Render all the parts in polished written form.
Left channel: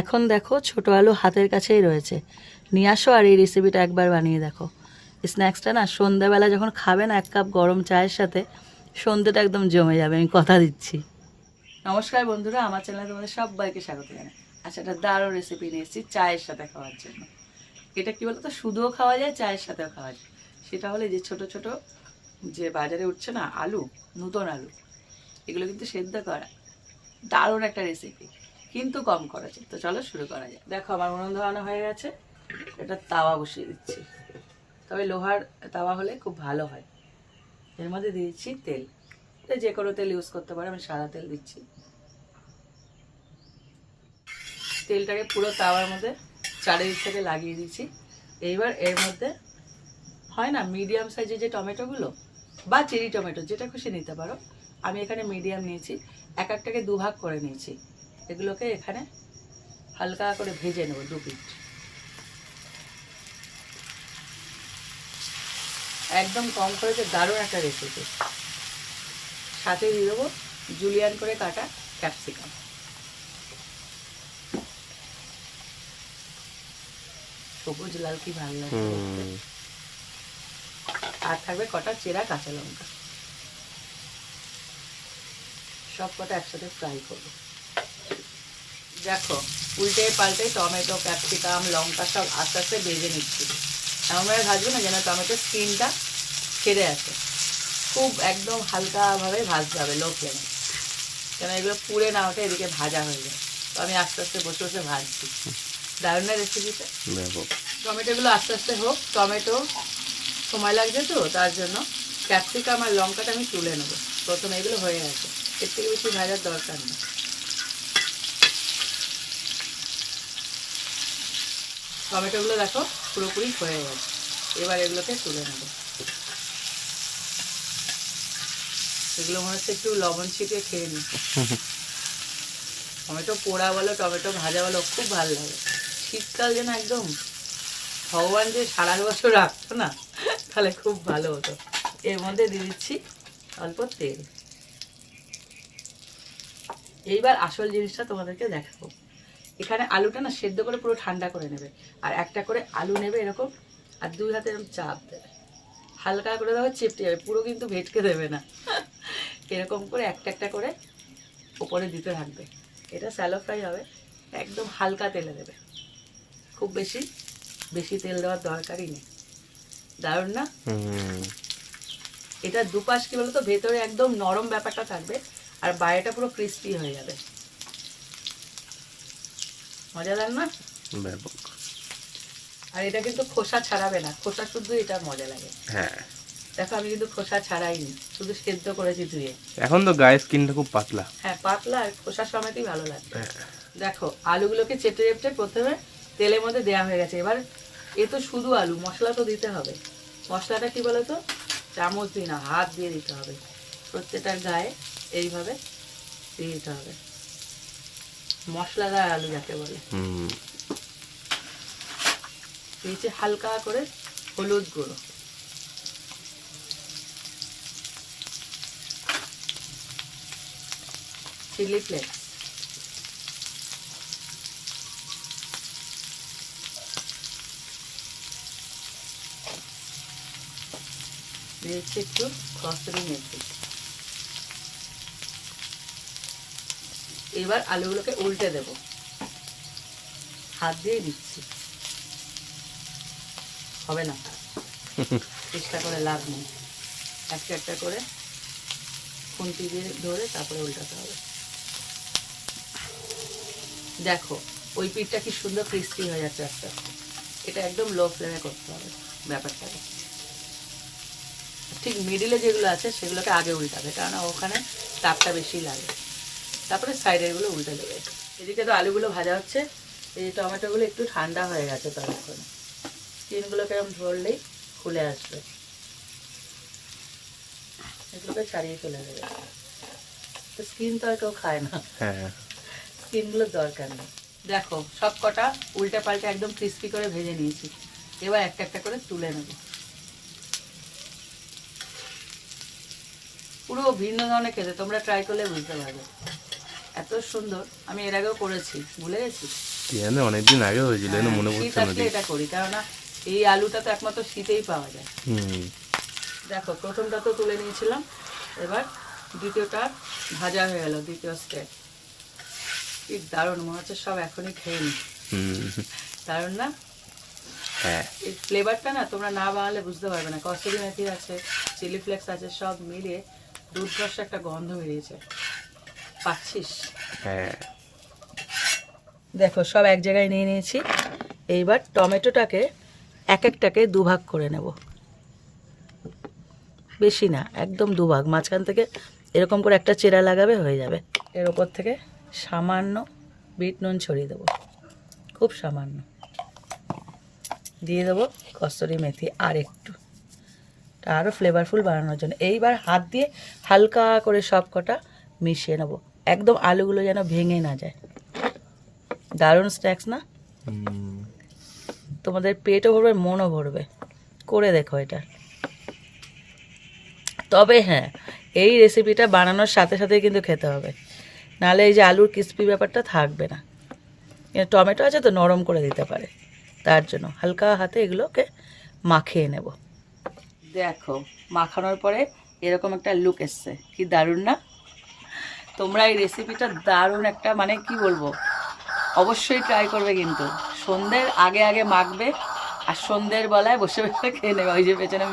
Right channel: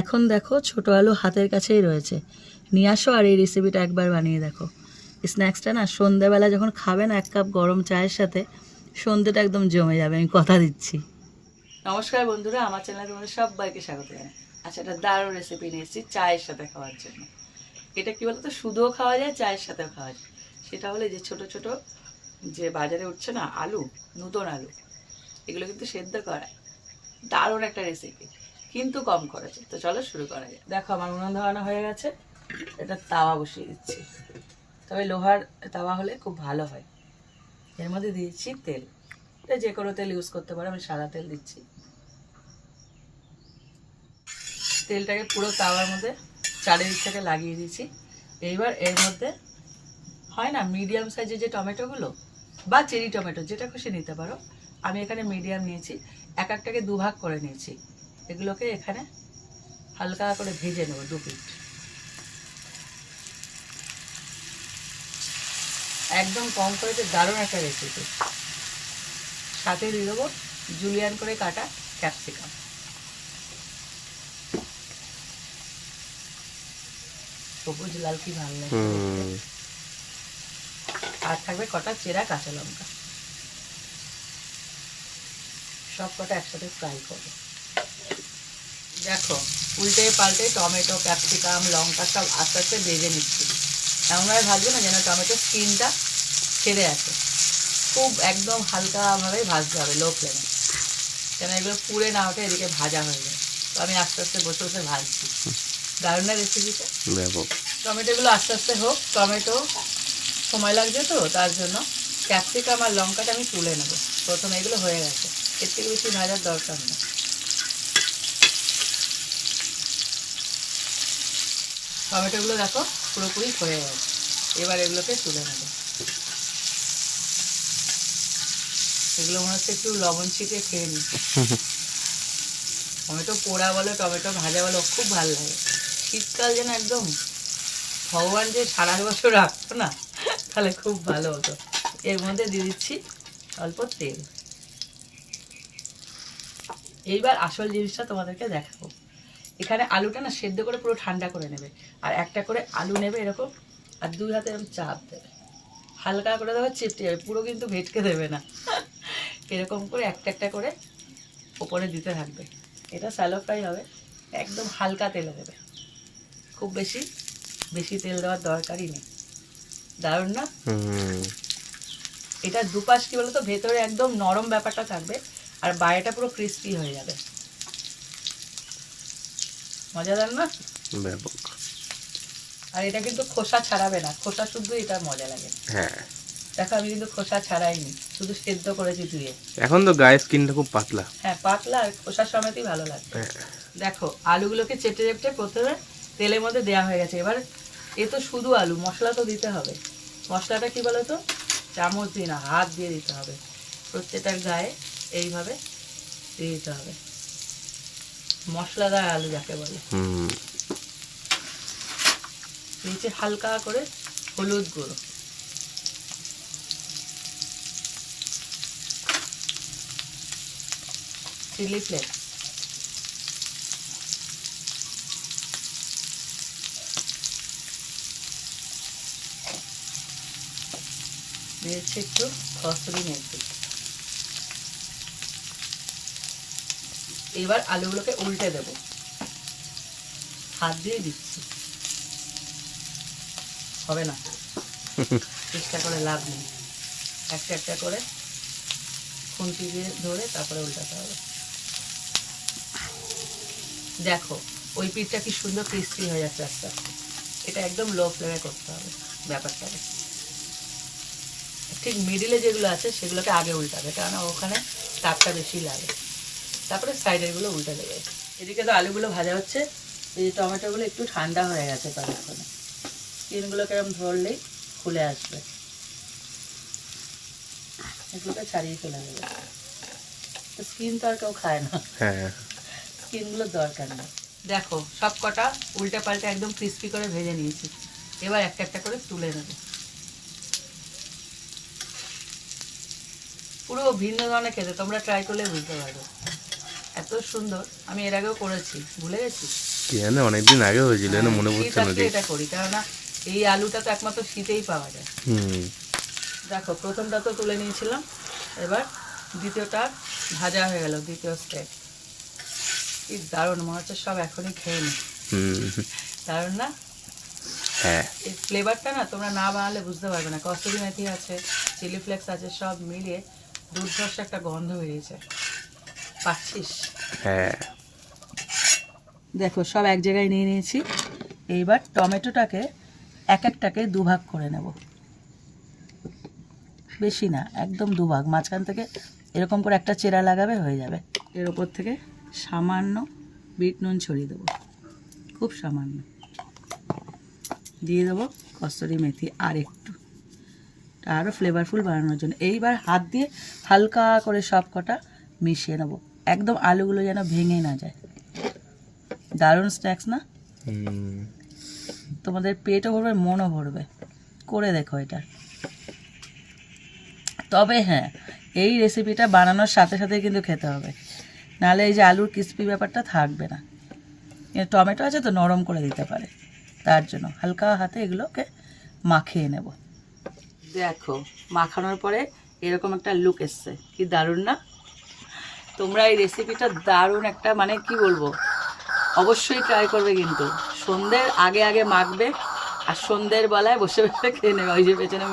এখন দেখো ছোট আলু হাতের কাছেই রয়েছে, নিয়ে আসো আর এই রেসিপিটা একবার বানিয়ে দেখো। স্ন্যাক্সটা না সন্ধ্যাবেলা যখন খাবে না, 1 কাপ গরম চায়ের সাথে সন্ধ্যেটা একদম জমে যাবে, আমি কথা দিচ্ছি। নমস্কার বন্ধুরা, আমার চ্যানেলে তোমাদের সবাইকে স্বাগত জানাই। আচ্ছা, একটা দারুণ রেসিপি নিয়ে এসেছি চায়ের সাথে খাওয়ার জন্য। এটা কি বলতো, শুধুও খাওয়া যায়, চায়ের সাথেও খাওয়া যায়। সেটা হলে যে ছোট ছোট যে বাজারে উঠছে না আলু, নতুন আলু, এগুলো কিন্তু সেদ্ধ করা দারুণ একটা রেসিপি, কিন্তু কম খরচে। তো চলো শুরু করা যায়। দেখো আমার উনুন ধরানো হয়ে গেছে, এটা তাওয়া বসিয়ে দিচ্ছি। তবে লোহার তাওয়া হলে খুব ভালো হয়। এর মধ্যে দিয়েছি তেল, এটা যে কোনো তেল ইউজ করতে পারো, আমি সাদা তেল দিচ্ছি। তেলটাকে পুরো তাওয়ার মধ্যে চারিদিক থেকে লাগিয়ে দিচ্ছি। এইবার এর মধ্যে হয় না মিডিয়াম সাইজের যে টমেটোগুলো বা চেরি টমেটো, যেটা খুশি নিতে পারো, আমি এখানে মিডিয়াম নিয়েছি, এক একটাকে দুভাগ করে নিয়েছি। এগুলোকে এখানে হালকা করে ভেজে নেবো 2 পিঠ। একদম কম খরচে দারুণ একটা রেসিপি। সাথে দিয়ে দেবো জুলিয়ান করে কাটা ক্যাপসিকাম। সবুজ লাল কি ভালো লাগে। আর থাকবে কটা চেরা কাঁচা লঙ্কা, সব কটা একসাথে ফ্রাই করবো। দেখো উল্টে পাল্টে টমেটো, ক্যাপসিকাম, লঙ্কা সব আস্তে আস্তে ভেজে নিচ্ছি। এমনভাবে ভাজবে না যেন টমেটোর স্কিনটা ছেড়ে আসে। খুব একদম হালকাভাবে ভাজতে হবে লো ফ্লেমে, যেন এগুলো পুড়ে না হতে এদিকে ভাজা হয়ে যায়। তো আমি আস্তে আস্তে বসে বসে ভাজছি। দারুণ রেসিপিটা। টমেটোগুলো আস্তে আস্তে হোক, টমেটো সময় লাগছে তো, তার জন্য ক্যাপসিকাম আর লঙ্কাটা আমি তুলে নেবো। প্রথমে এগুলো হয়ে গেছে, এর থেকে বেশি ভাজার দরকার নেই। টমেটোগুলো দেখো পুরোপুরি হয়ে গেছে, এবার এগুলোকে তুলে নেবো। এগুলো মনে হচ্ছে একটু লবণ ছিটিয়ে খেয়ে নিই। টমেটো পোড়া বলো, টমেটো ভাজা বলো, খুব ভালো লাগে। শীতকাল যেন একদম ভগবান যে সারা বছর রাখতো না, তাহলে খুব ভালো হতো। এর মধ্যে দিয়ে দিচ্ছি অল্প তেল। এইবার আসল জিনিসটা তোমাদেরকে দেখাবো। এখানে আলুটা না সেদ্ধ করে পুরো ঠান্ডা করে নেবে, আর একটা করে আলু নেবে এরকম, আর 2 হাতে এরকম চাপ দেবে, হালকা করে দেওয়া চিপটে যাবে, পুরো কিন্তু ভেটকে দেবে না। এরকম করে একটা একটা করে ওপরে দিতে থাকবে। এটা স্যালো ফ্রাই হবে, একদম হালকা তেলে দেবে, খুব বেশি বেশি তেল দেওয়ার দরকারই নেই। দারুণ না? এটা দুপাশ কি বলতো, ভেতরে একদম নরম ব্যাপারটা থাকবে, আর বাইরেটা পুরো ক্রিস্পি হয়ে যাবে। মজাদার না? ব্যাপক। আর এটা কিন্তু খোসা ছাড়াবে না, খোসা শুদ্ধ এটা মজা লাগে। হ্যাঁ, দেখো আমি কিন্তু খোসা ছাড়াইনি, শুধু সেদ্ধ করেছি ধুয়ে। এখন তো গায়ের স্কিনটা খুব পাতলা। হ্যাঁ পাতলা, আর খোসা সমেতই ভালো লাগবে। দেখো আলুগুলোকে চেটে চেটে প্রথমে তেলের মধ্যে দেওয়া হয়ে গেছে। এবার এ তো শুধু আলু, মশলা তো দিতে হবে। মশলাটা কি বলো তো, চামচ দিয়ে না, হাত দিয়ে দিতে হবে। প্রত্যেকটার গায়ে এইভাবে দিয়ে দিতে হবে, মশলাদার আলু যাকে বলে। দিয়েছি হালকা করে হলুদ গুঁড়ো, চিলি ফ্লেক্স, দিয়েছি একটু কসুরি মেথি। এবার আলুগুলোকে উল্টে দেব, হাত দিয়ে দিচ্ছি, হবে না, চেষ্টা করে লাভ নেই। একটা একটা করে খুন্তি দিয়ে ধরে তারপরে উল্টাতে হবে। দেখো ওই পিঠটা কি সুন্দর ক্রিস্পি হয়ে যাচ্ছে আস্তে আস্তে। এটা একদম লো ফ্লেমে করতে হবে ব্যাপারটাকে। ঠিক মিডিলে যেগুলো আছে সেগুলোকে আগে উল্টাবে, কেননা ওখানে তাপটা বেশি লাগে। তারপরে সাইডেরগুলো উল্টে দেবে। এদিকে তো আলুগুলো ভাজা হচ্ছে, এই টমেটোগুলো একটু ঠান্ডা হয়ে গেছে ততক্ষণে। স্কিনগুলোকে এরকম ধরলেই খুলে আসবে, এগুলোকে ছাড়িয়ে চলে যাবে। তো স্কিন তো আর কেউ খায় না, স্কিনগুলোর দরকার নেই। দেখো সব কটা উল্টে পাল্টে একদম ক্রিস্পি করে ভেজে নিয়েছি। এবার একটা একটা করে তুলে নেব। পুরো ভিন্ন ধরনের খেতে, তোমরা ট্রাই করলে বুঝতে পারবে। এত সুন্দর। আমি এর আগেও করেছি, ভুলে গেছি। কি জানে অনেকদিন আগে হয়েছিল না, মনে শীত পড়ছে না আসলে এটা করি, কেননা এই আলুটা তো একমাত্র শীতেই পাওয়া যায়। হুম। দেখো প্রথমটা তো তুলে নিয়েছিলাম, এবার দ্বিতীয়টা ভাজা হয়ে গেল, দ্বিতীয় স্টেপ। কি দারুণ, মনে হচ্ছে সব এখনই খেয়ে নি। হুম। দারুণ না? হ্যাঁ। এই ফ্লেভারটা না তোমরা না বানালে বুঝতে পারবে না। কসুরি মেথি আছে, চিলি ফ্লেক্স আছে, সব মিলিয়ে দুর্ধর্ষ একটা গন্ধ বেরিয়েছে। পাচ্ছিস? হ্যাঁ। দেখো সব এক জায়গায় নিয়ে নিয়েছি। এইবার টমেটোটাকে এক একটাকে দুভাগ করে নেব, বেশি না, একদম দুভাগ। মাঝখান থেকে এরকম করে একটা চেরা লাগাবে, হয়ে যাবে। এর ওপর থেকে সামান্য বিট নুন ছড়িয়ে দেবো, খুব সামান্য। দিয়ে দেবো কসুরি মেথি আর একটু, আরও ফ্লেভারফুল বানানোর জন্য। এইবার হাত দিয়ে হালকা করে সব কটা মিশিয়ে নেবো, একদম আলুগুলো যেন ভেঙে না যায়। দারুণ স্ন্যাক্স না? হুম। তোমাদের পেটও ভরবে, মনও ভরবে। করে দেখো এটা। তবে হ্যাঁ, এই রেসিপিটা বানানোর সাথে সাথে কিন্তু খেতে হবে, নাহলে এই যে আলুর ক্রিস্পি ব্যাপারটা থাকবে না। টমেটো আছে তো, নরম করে দিতে পারে, তার জন্য হালকা হাতে এগুলোকে মাখিয়ে নেব। দেখো মাখানোর পরে এরকম একটা লুক এসছে, কি দারুণ না? তোমরা এই রেসিপিটা দারুণ একটা, মানে কি বলবো, অবশ্যই ট্রাই করবে। কিন্তু সন্ধ্যের আগে আগে মাখবে, আর সন্ধ্যের বেলায় বসে বসে খেয়ে নেবে। ওই যে পেছনে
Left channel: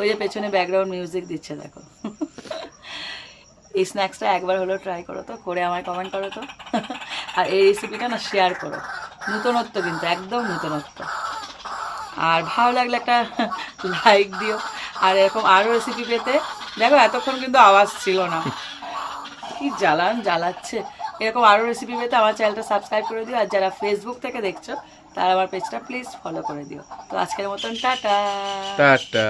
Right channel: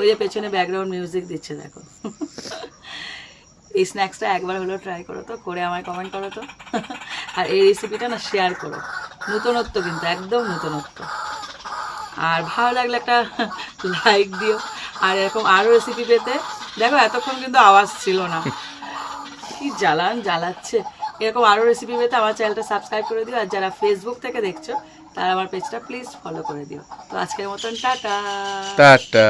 ওই যে পেছনে ব্যাকগ্রাউন্ড মিউজিক দিচ্ছে দেখো। এই স্ন্যাক্সটা একবার হলেও ট্রাই করো তো, করে আমায় কমেন্ট করো তো। আর এই রেসিপিটা না শেয়ার করো, নতুনত্ব কিন্তু, একদম নতুনত্ব। আর ভালো লাগলে একটা লাইক দিও। আর এরকম আরও রেসিপি পেতে, দেখো এতক্ষণ কিন্তু আওয়াজ ছিল না, কি জ্বালাচ্ছে। এরকম আরও রেসিপি পেতে আমার চ্যানেলটা সাবস্ক্রাইব করে দিও। আর যারা ফেসবুক থেকে দেখছো তারা আমার পেজটা প্লিজ ফলো করে দিও। তো আজকের মতন টাটা। টাটা।